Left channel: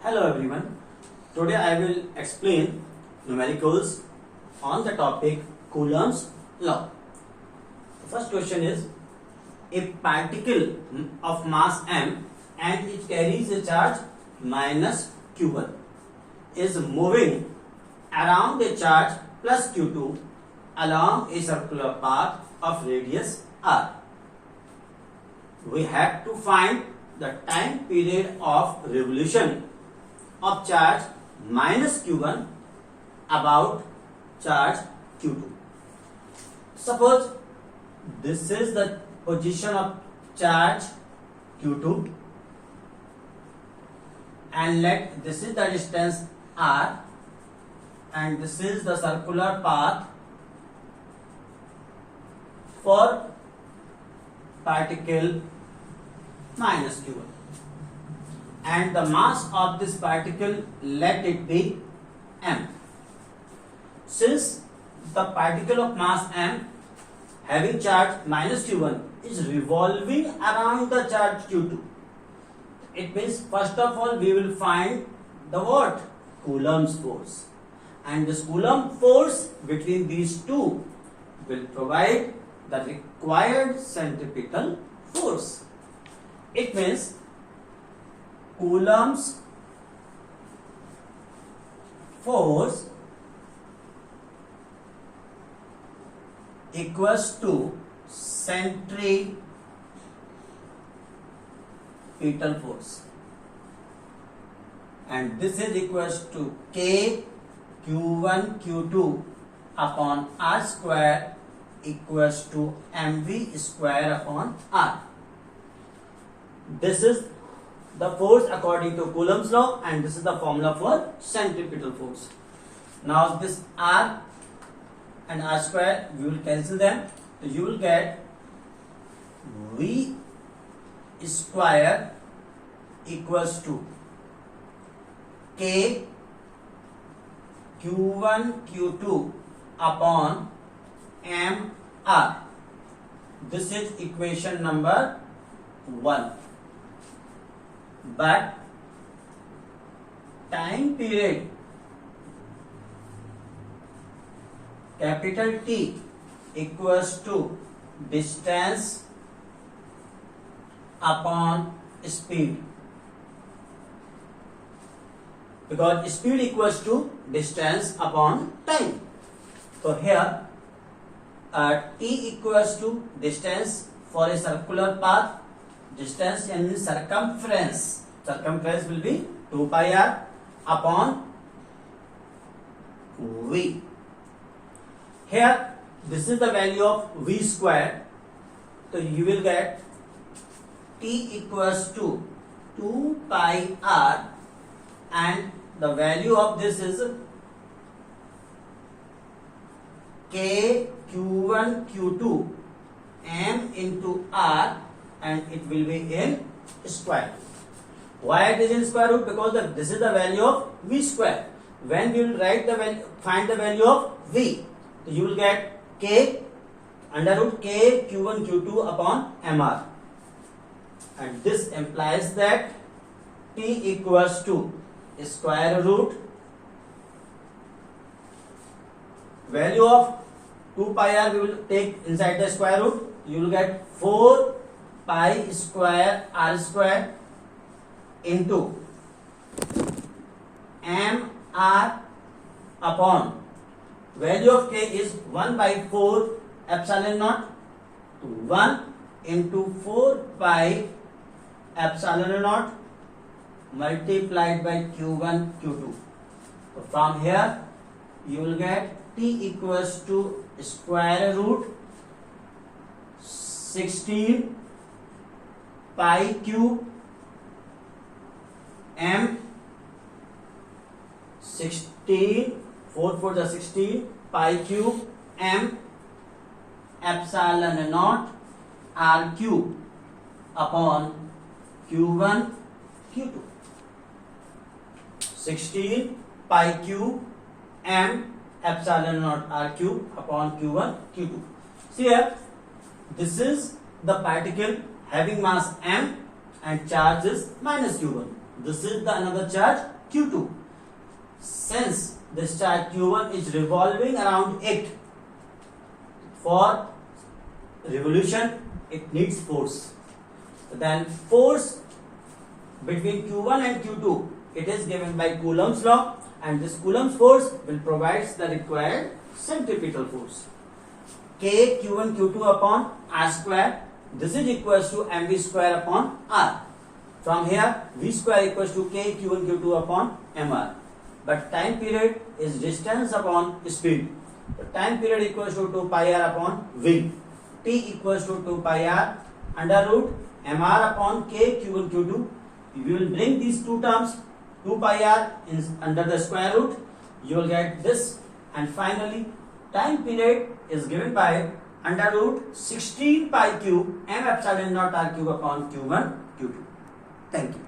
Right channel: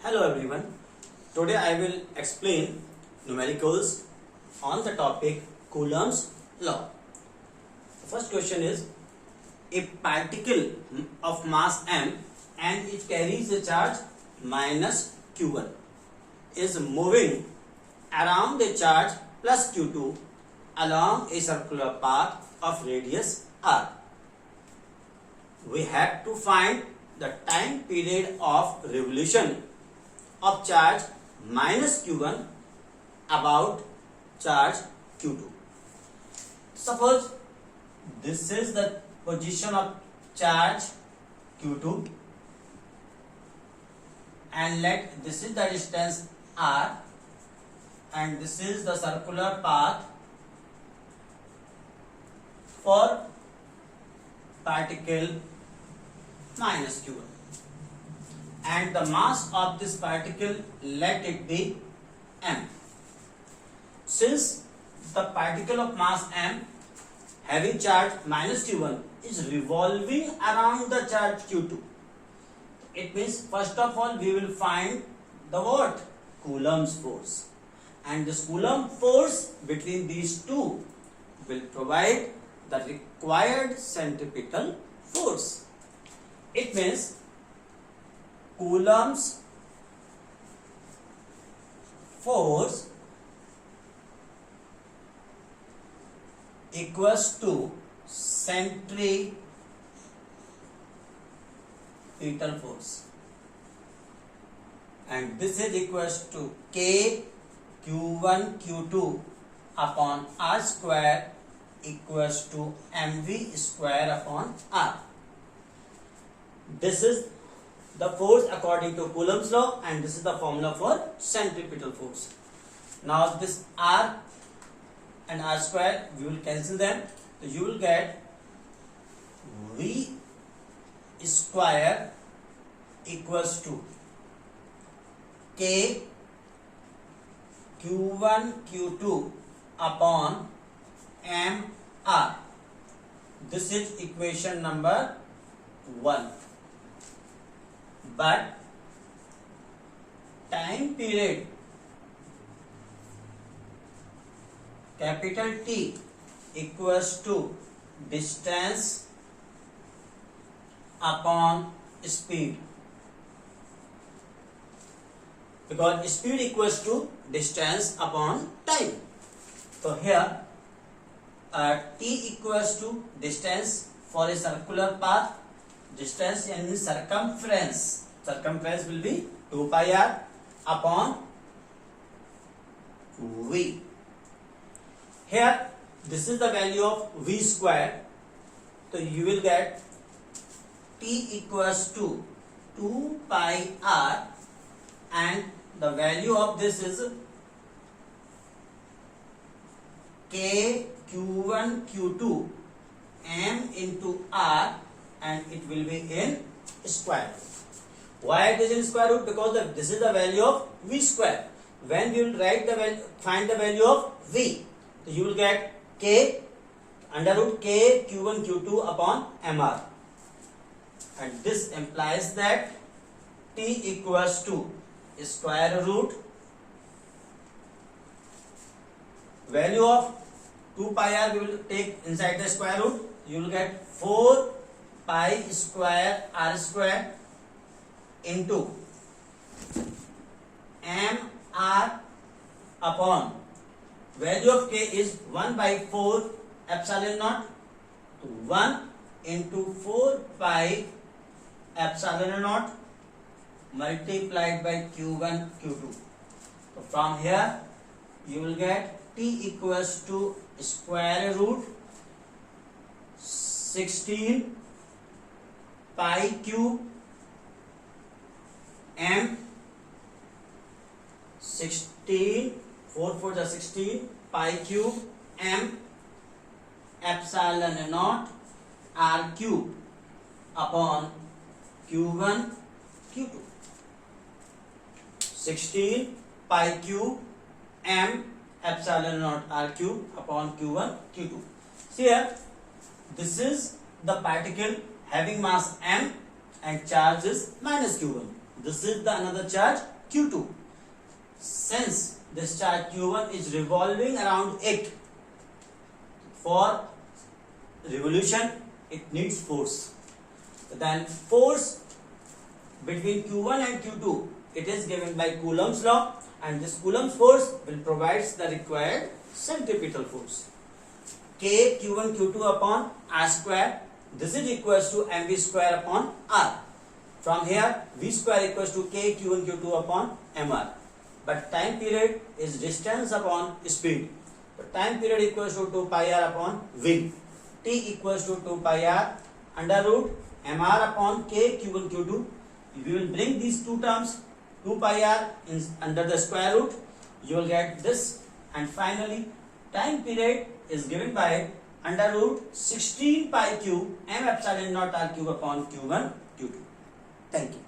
Hello everyone. Today I will explain numericals on the topic Coulomb's law. The first question is a particle of mass m and it carries a charge minus q1 is moving around a charge plus q2 along a circular path of radius r. We have to find the time period of revolution of charge minus q1 about charge q2. Suppose this is the position of charge q2 and let this is the distance r and this is the circular path for particle minus q1. And the mass of this particle, let it be m. Since the particle of mass m having charge minus q1 is revolving around the charge q2, it means first of all we will find the what? Coulomb's force. And this Coulomb force between these two will provide the required centripetal force. It means Coulomb's force equals to centripetal force, and this is equals to K Q1 Q2 upon R square equals to mv square upon r. This is the force according to Coulomb's law, and this is the formula for centripetal force. Now this r and r square we will cancel them, so you will get v square equals to k q1 q2 upon m r. This is equation number 1. But time period capital T equals to distance upon speed, because speed equals to distance upon time. So here T equals to distance for a circular path. Distance means circumference. Circumference will be 2 pi r upon v. Here this is the value of v square. So you will get T equals to 2 pi r and the value of this is K Q1 Q2 m into r, and it will be in square root. Why it is in square root? Because this is the value of v square. When you will write the value, find the value of v, so you will get k under root k q1 q2 upon mr, and this implies that t equals to square root value of 2 pi r we will take inside the square root. You will get 4 pi square r square into m r upon value of k is 1 by 4 epsilon naught, 1 into 4 pi epsilon naught multiplied by q1 q2. So from here you will get t equals to square root 16 pi cube m 16 4 4 the 16 pi cube m epsilon naught r cube upon q1 q2. 16 pi cube m epsilon naught r cube upon q1 q2. See here, This is the particle having mass m and charge is minus q1. this is the another charge Q2. Since this charge Q1 is revolving around it, for revolution it needs force. Then force between Q1 and Q2, it is given by Coulomb's law, and this Coulomb's force will provide the required centripetal force. K Q1 Q2 upon R square, this is equals to mv square upon R. From here v square equals to K Q1 Q2 upon mr. But time period is distance upon speed. So time period equals to 2 pi r upon v. T equals to 2 pi r under root mr upon K Q1 Q2. You will bring these two terms 2 pi r under the square root. You will get this, and finally time period is given by under root 16 pi cube m epsilon naught r cube upon Q1 Q2. Thank you.